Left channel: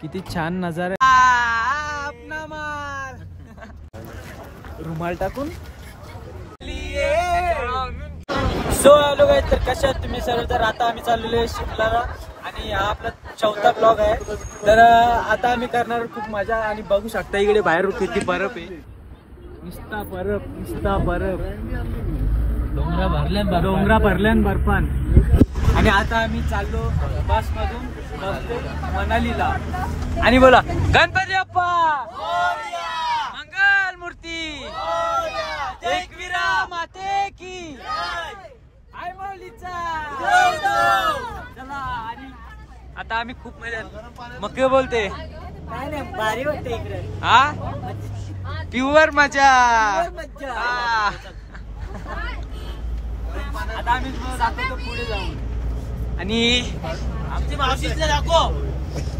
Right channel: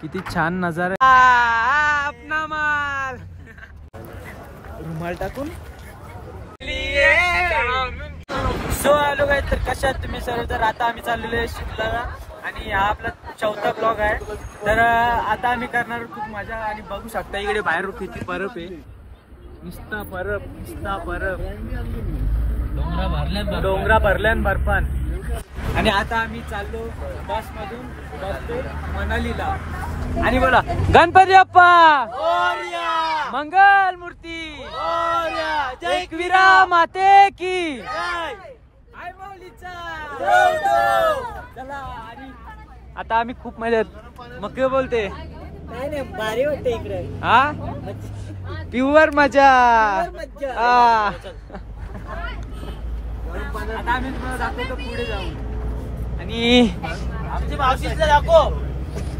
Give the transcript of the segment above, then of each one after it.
किती छान नजारा. अपना माल रुमाल टाकून. सो हॅलो गाईज, तर कशा आहेत तुम्ही सर्व. तर आता आम्ही चाललेलो आहे शिमलाला आणि हा आपला 4था ब्लॉग आहे. तर आता आम्ही करणार खूप मजा आणि बघू शकता इकडे बाहेर किती बर्फ आहे. नुसता बर्फ, नुसता बर्फ. डोंगरा भरल्यान बर्फान. आणि आता आम्ही चाललो बस मधून मनालीला. आणि बोला गणपती बाप्पा मंगल मूर्ती एकविरा माते की आय मौलीचा. चला. आणि आता आम्ही खूप मजा. मग काय बोलते काय नाही, भारी वाटते इकडे. हा प्युअर मजा. आता आम्ही जातो पुढे जाऊन आणि आमची मावशीला दाखव,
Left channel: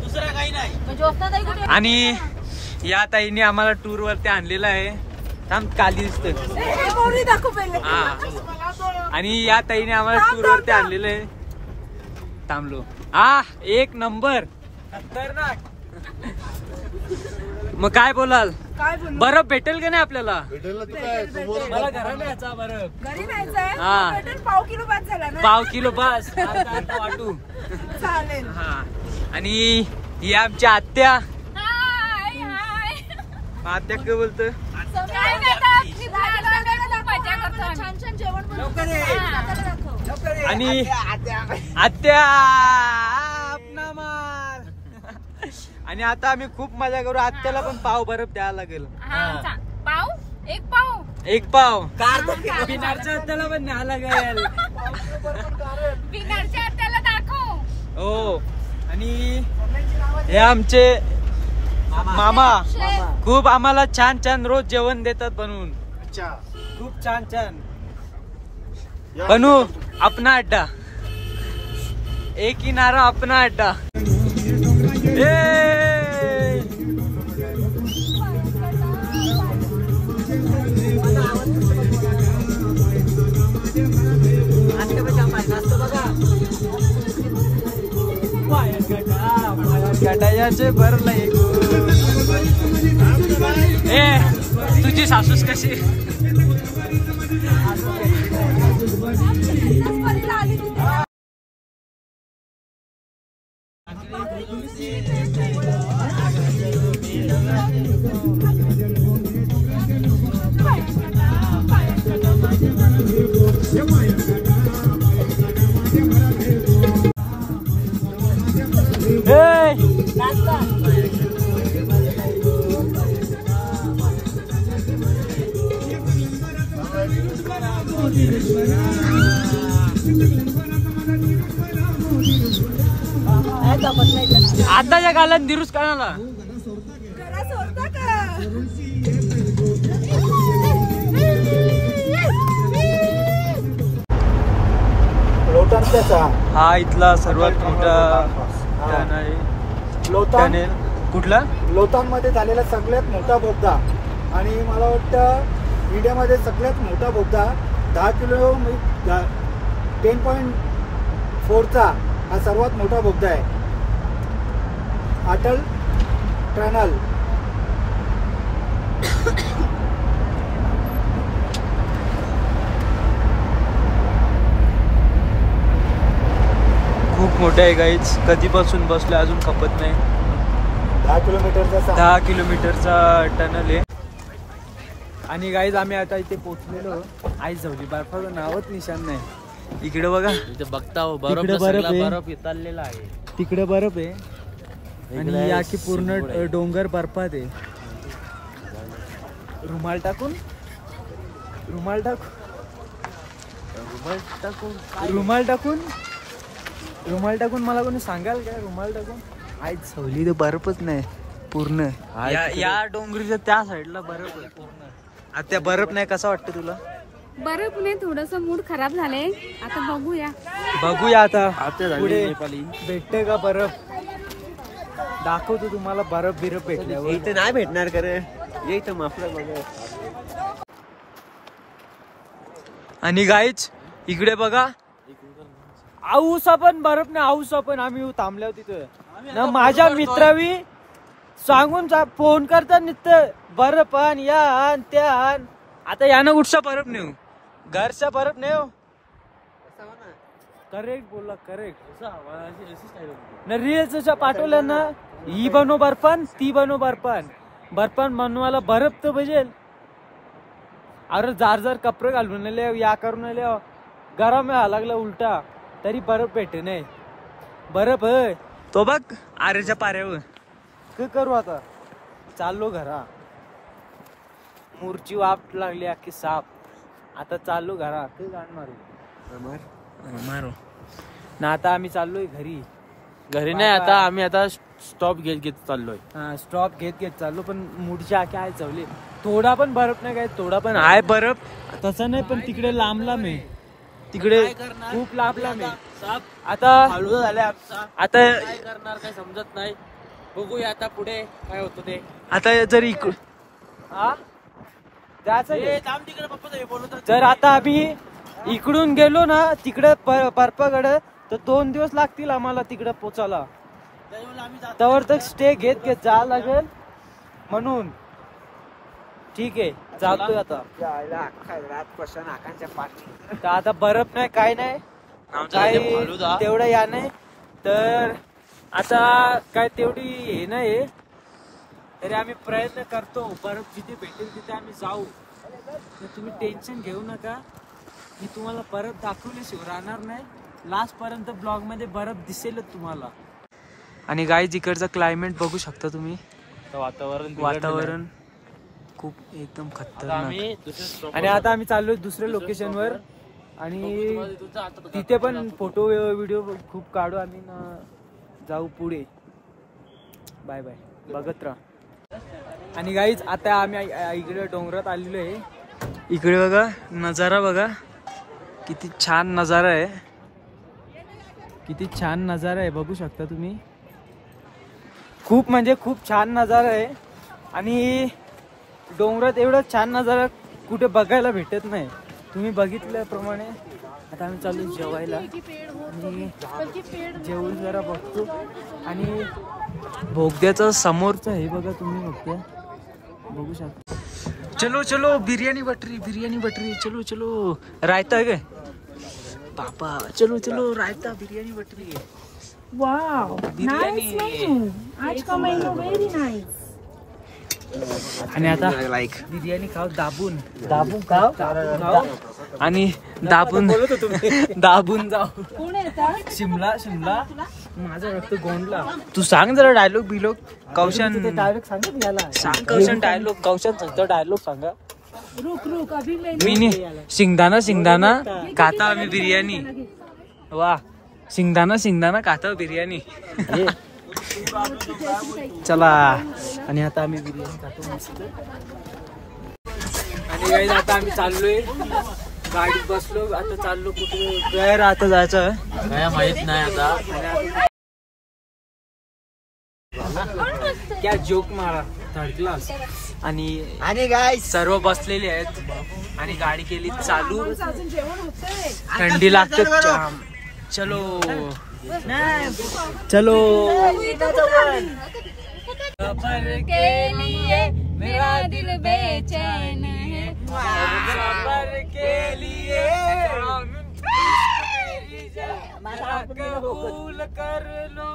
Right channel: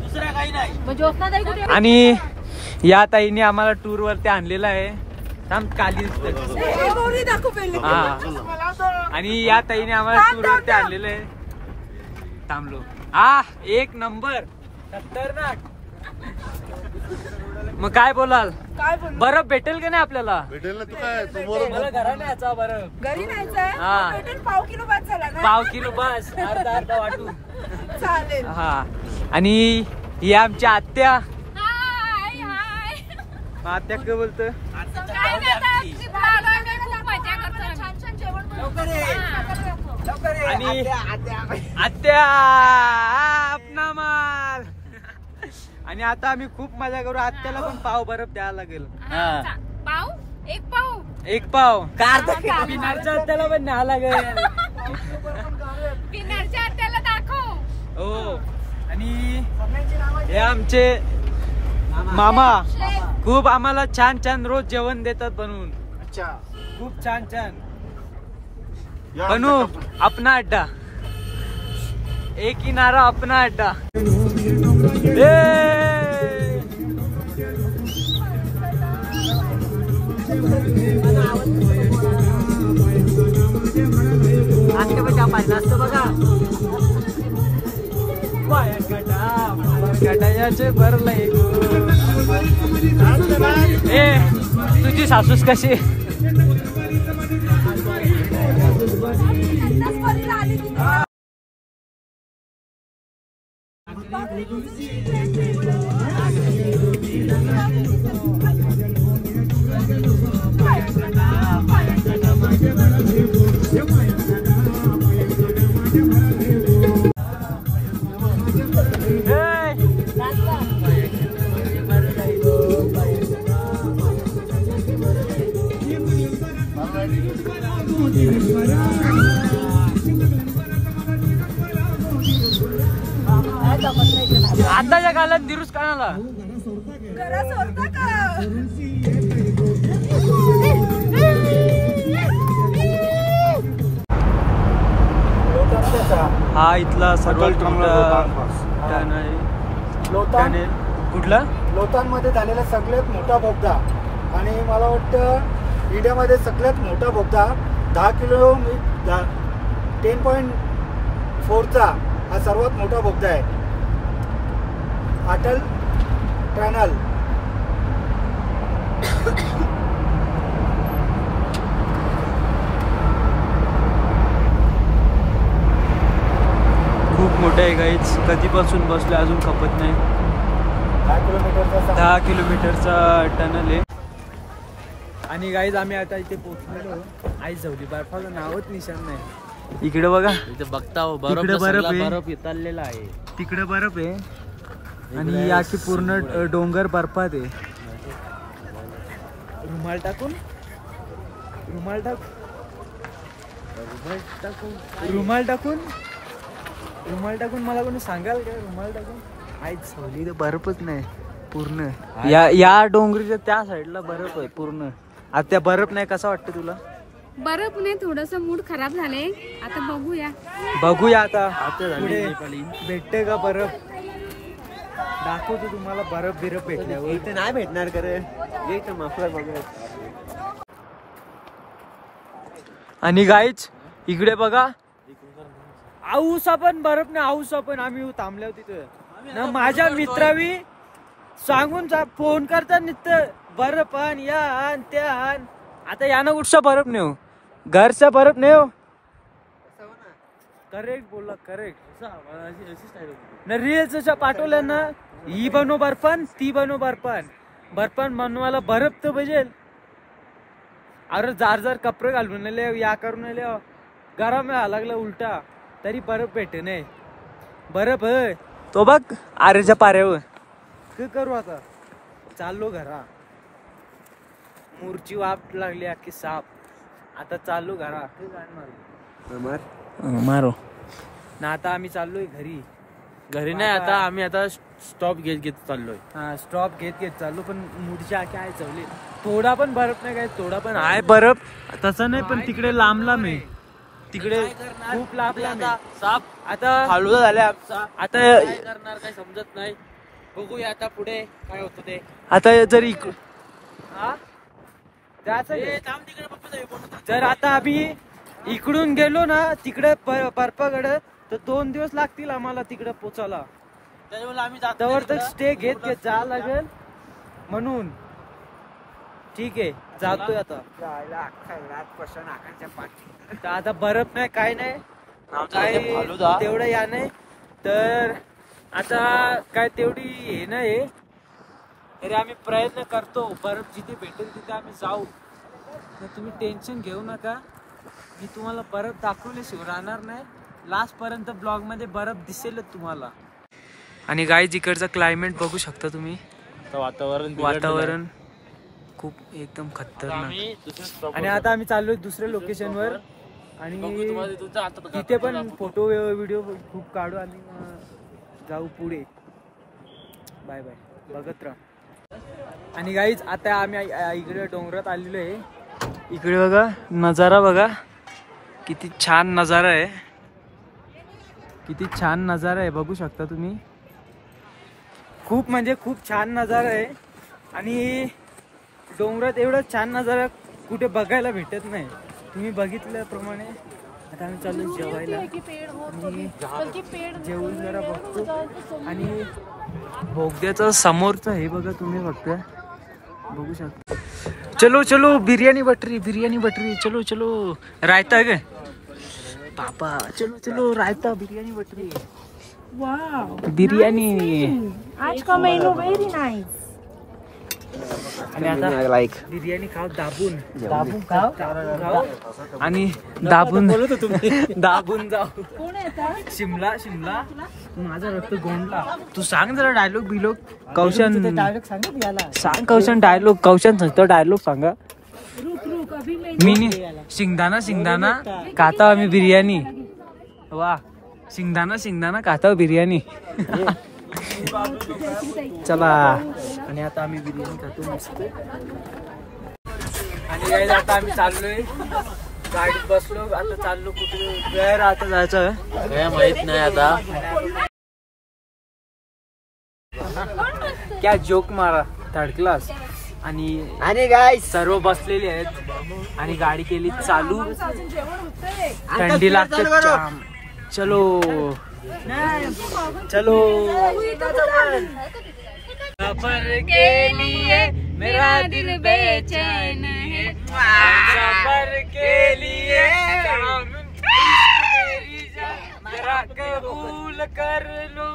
दुसरं काही नाही. आणि या ताईने आम्हाला टूर वरती आणलेलं आहे. थांब खाली दिसतंय. आणि या ताईने आम्हाला टूर वरती आणलेलं आहे. थांबलो. एक नंबर खतरनाक. मग काय बोलाल, बर्फ भेटेल का नाही आपल्याला? मला घराने याचा बर्फ घरी नाही. पाव किलो पास अर्धा वाटू चालेल. हा. आणि ही आमच्या आत्या. आत्या काय बोलत. आणि आत्या अपना माल. आणि आता आम्ही खूप मजा करू. आत्याला पण पाव बर्फ द्यायला लागेल. पाव एक पाव बिनारच्या आत्याला पण न्यावं लागेल. बिनारच्या आत्याला दाखव. हो. आणि हे आमचे मामा खूप आम्हाला छान छान रोज जेवण देतात बनवून. खूप छान छान. बनू अपना अड्डा, एक किनारा अपना अड्डा. गटायाचे भरलंय तुझी सासूस कशी. आताच्या काळात दिरूस कानाला हा इथला सर्वात मोठा टन आहे. टनेल कुठला लोतांमध्ये झालेला सगळ्यात मोठा बोगदा. आणि मला वाटतं इंडियामध्ये सगळ्यात मोठा बोगदा 10 किलोमीटर 10.4चा हा सर्वात मोठा बोगदा आहे. अटल टनल. खूप मोठं आहे गाईज. कधीपासून बसले अजून खपत नाही. 10 किलोमीटरचा टनल आहे. आणि गाईज आम्ही आता इथे पोहोचलेलो. आई झवली बर्फाचं नावच निशान नाही. इकडे बघा, बघता तिकडे बर्फ आहे, आहे. तिकडे बर्फ आहे. आणि याची पूर्ण डोंगर बर्फात आहे. रुमाल टाकून रुमाल टाकून रुमाल टाकून रुमाल टाकून मला कोणी सांगाल काय? रुमाल टाकून आई झोली तर बर्फच नाही पूर्ण. या डोंगरीच्या त्या साईडला बर्फ आहे पूर्ण. आता त्या बर्फ नाही. कसा वाटतं तुला? बर्फ नाही, थोडस मूड खराब झाले. आता बघूया आता पुढे भेटते का बर्फ. दाखवतो तुम्हाला बर्फ बिरफ भेटल्यावर. नाही भेटणार करे. आणि गाईच इकडे बघा आऊसा पण बर्फ नाही, आऊसा पण आम्ही थांबल्या तिथं ना. माझ्या मित्रावी सांगून फोन करतात नित्य बर्फ आण, या आण, त्या आण. आता यानं कुठचा बर्फ नेऊ, घरचा बर्फ नेऊ. करेक्ट बोलला, करेक्ट ना. रील्स पाठवल्या ना, ही बनव बर्फान, ती बनव बर्फान. बर्फान बनवायला बर्फ तर पाहिजे. अरे जार कपडे घालून नाही, या करून नाही, गरम लागला उलटा तरी बर्फ भेटे नाही. बर्फ है तो बघ आरेच्या पाऱ्यावर. काय करू आता, चाललो घरा. मूरची वाफ लागली अख्खी साप. आता चाललो घरा. काय गाण मारू मारो ना. आता आम्ही चाललोय घरी. घरी नाही, आता आम्ही आता स्टॉप घेत चाललोय. हा, स्टॉप घेत चाललो. पण मूडच्या काय चवले. थोडा पण बर्फ नाही, काय थोडा पण आहे बर्फ तसं नाही. पण तिकडे लांबला मी, तिकडे खूप लांबला मी. आता हळू झाले आमचा. आता काय करणार काय समजत नाही. बघूया आता पुढे काय होतं ते. आता जर जर आता आम्ही इकडून गेलो ना तिकडे बर्फाकडे, तर 2 दिवस लागतील आम्हाला तिकडे पोचायला. त्यावर तर स्टे घेत जा लागेल म्हणून. ठीक आहे, जातोय आता. आता बर्फ नाही, काय नाही, काय तेवढं या नाही. तर आता काय तेवढी हे नाही, तरी आम्ही प्रयत्न करतो. बर्फ जिथे भेटेल तिथे आम्ही जाऊ. तुम्ही टेन्शन घेऊ नका, मी तुम्हाला बर्फ दाखवल्याशिवाय राहणार नाही. लास्ट पर्यंत ब्लॉग मध्ये बर्फ दिसेलच तुम्हाला. आणि गाईज इकडचं क्लायमेट बघू शकता तुम्ही. वातावरण खूप एकदम खतरनाक. आणि आता आम्ही चाललोय दुसऱ्या लोकेशन वर. आणि तिथे पण फोटो व्हिडिओ खूप काढू आणि जाऊ पुढे. बाय बाय, बघत राहा. आणि गाईज आता आम्ही इकडे डोंगरात आलेलो आहे. इकडे बघा नजारा, बघा किती छान नजारा आहे. किती छान नजारा आहे, बघू शकता तुम्ही. खूप म्हणजे खूप छान नजारा आहे. आणि डोंगरात एवढा छान नजारा कुठे बघायला भेटत नाही. तुम्ही बघितल्याप्रमाणे आता आम्ही चालू जेवायला. आणि जेवून जरा बघतो. आणि बोगद्याचा समोरचं हे बघा तुम्ही फक्त बघू शकता. चलो चलो बिर्याणी बटरी, बिर्याणी बटरी. चलो चलो, रायता काय पापा. चलो चलो रायता, बिर्याणी बटरी. वाव, बिर्याणी. आज का मेनू व्हेरी नाइस. आणि आता बिर्याणी खाऊ, दाबून दाबून खाऊ आणि दाबून दाबून जाऊ. शिमला शिमला माझा रक्त गोंडला. तू सांग जरा डायलॉग बिलोग. कौशन सांग, कौशन डायलॉग. कौशन सांगतो डायलॉग सांगा. मी शिंगदाणा शिंगदाणा खाता आम्ही बिर्याणी. वा, शिंगदाणा शिंगदाणा खाता बिर्याणी. चला. आणि आता आम्ही बिर्याणी खातो मस्त. आणि गाईज आता आम्ही चाललोय, गाडीत बसलो. आता चाललो कुठे घर आता जायचं काय माहित नाही. आता क्या जोक मारा, थर्ड क्लास. आणि सर्व बसलेले आहेत आणि गाडी केली चालू. थंडी लागते जाम. चलो चलो. सफर के लिए मेरा दिल बेचैन है. सफर के लिए मेरा कबूल कर लो.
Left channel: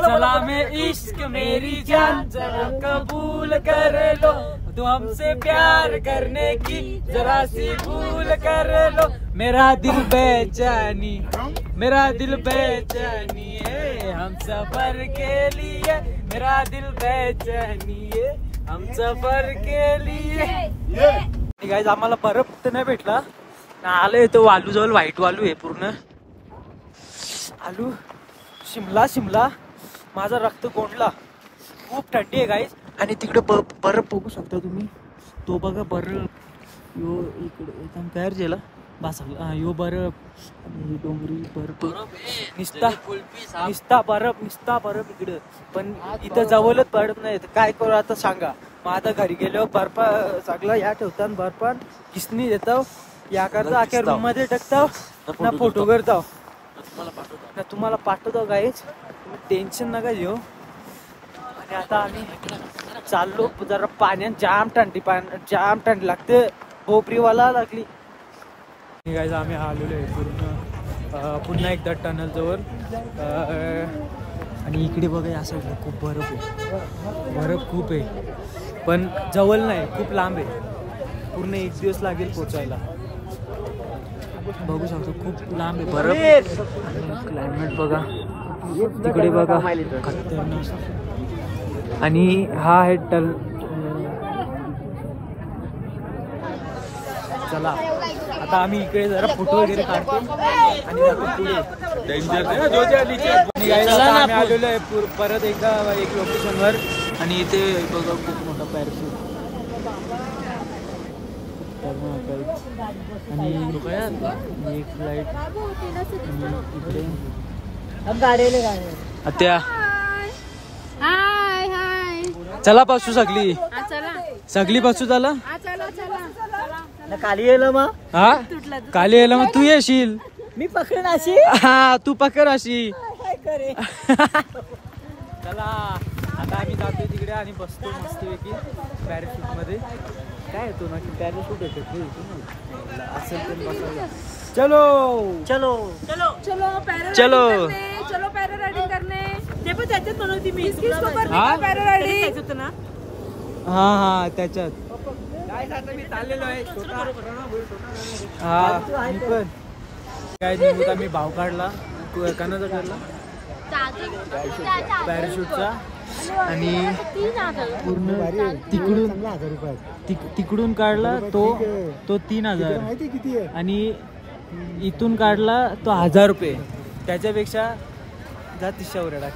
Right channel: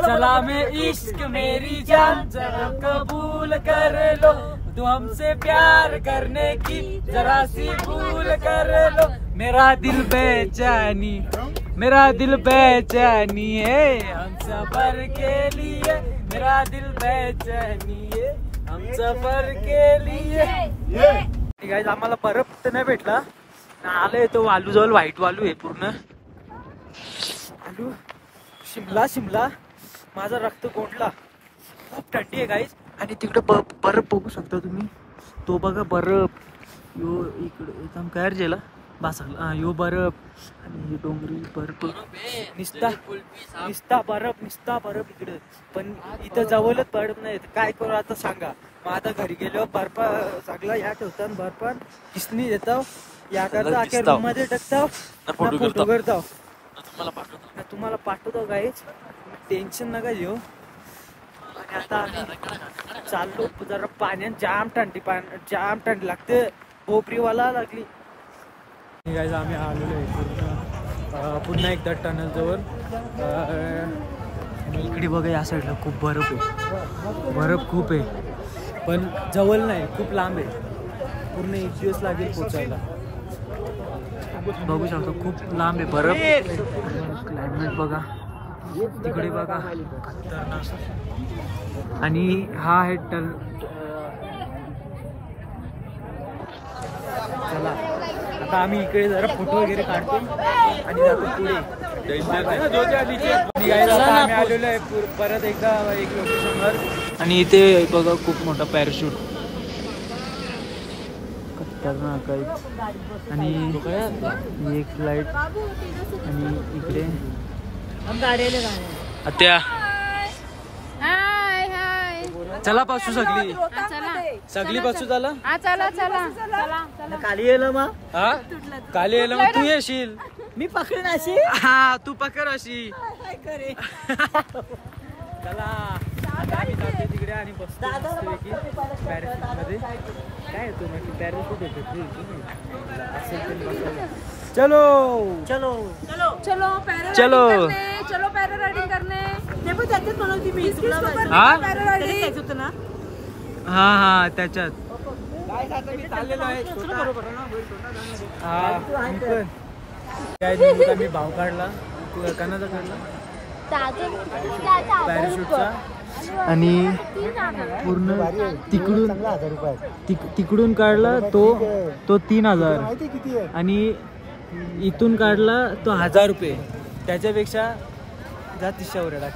चला मैं इश्क मेरी जान जरा कबूल कर लो. तो हमसे प्यार करने की जरा सी भूल कर लो. मेरा दिल बेचैनी, मेरा दिल बेचैनी है. हम सफर के लिए मेरा दिल बेचैनी है. हम सफर के लिए. गाइस आम्हाला बर्फ तर नाही भेटला. आलोय तो वालू जवळ, व्हाईट वालू आहे पूर्ण. आलू शिमला शिमला. माझा रक्त गोंडला. खूप थंडी आहे गाईस. आणि तिकडे बर्फ बघू शकता तुम्ही. तो बघा बर्फ. यो इकडे एकदम काय गेला बासकला. यो बर्फ आणि डोंगरी बर्फ. निस्ता बर्फ, निस्ता बर्फ इकडे. पण इथं जवळच पडत नाही. काय करू आता सांगा. मग आता घरी गेलो बर्फ सगळं या ठेवतात बर्फ किसनी देतो या करता अख्या रूम मध्ये टाकतो ना फोटो करतो ना तुम्हाला पाठवतो गाईच टेन्शन नका घेऊ. आणि आता आम्ही चाललो जरा पाण्यात जाम थंडी लागते कोपरीवाला लागली. गाईज आम्ही आलेलो आहे पुन्हा एकदा टनल जवळ. आणि इकडे बघा या साईडला खूप बर्फ खूप आहे पण जवळ नाही खूप लांब आहे. पूर्ण 1 दिवस लागेल पोचायला. बघू शकतो खूप लांब आहे बर्फ. आणि क्लायमेट बघा तिकडे बघा खतरनाक. आणि हा आहे चला आता आम्ही इकडे जरा फोटो वगैरे काढतो आणि जातो पुढे. Bye bye. आणि गाईज आता आम्ही आलेलो आहे परत एकदा एक लोकेशनवर. आणि इथे बघा खूप मोठा पॅराशूट खतरनाक आहे. आणि एक लाईट आणि इकडे आत्या चला पासू सगळी पासू चला खाली गेलं मग हा खाली यायला मग तू येशील. मी पकडून अशी हा तू पकड अशी. काय करे चला आता आम्ही जातोय तिकडे आणि बसतो मस्तपैकी पॅराशूट मध्ये. काय येतो ना की पॅराशूट होतं असेल ते बसायला. चलो चलो चलो चलो पॅरा रायडिंग करणे. ते पण त्याच्यात बनवती मी हा पॅरा रायडिंग होतं ना. हा त्याच्यात मी चाललेलो आहे मी पण काय निघूत आम्ही भाव काढला कानाचा काढला पॅराशूटचा. आणि पूर्ण तिकडून काढला तो 3000 आणि इथून काढला तो 1000 रुपये. त्याच्यापेक्षा जा 300 वर टाक.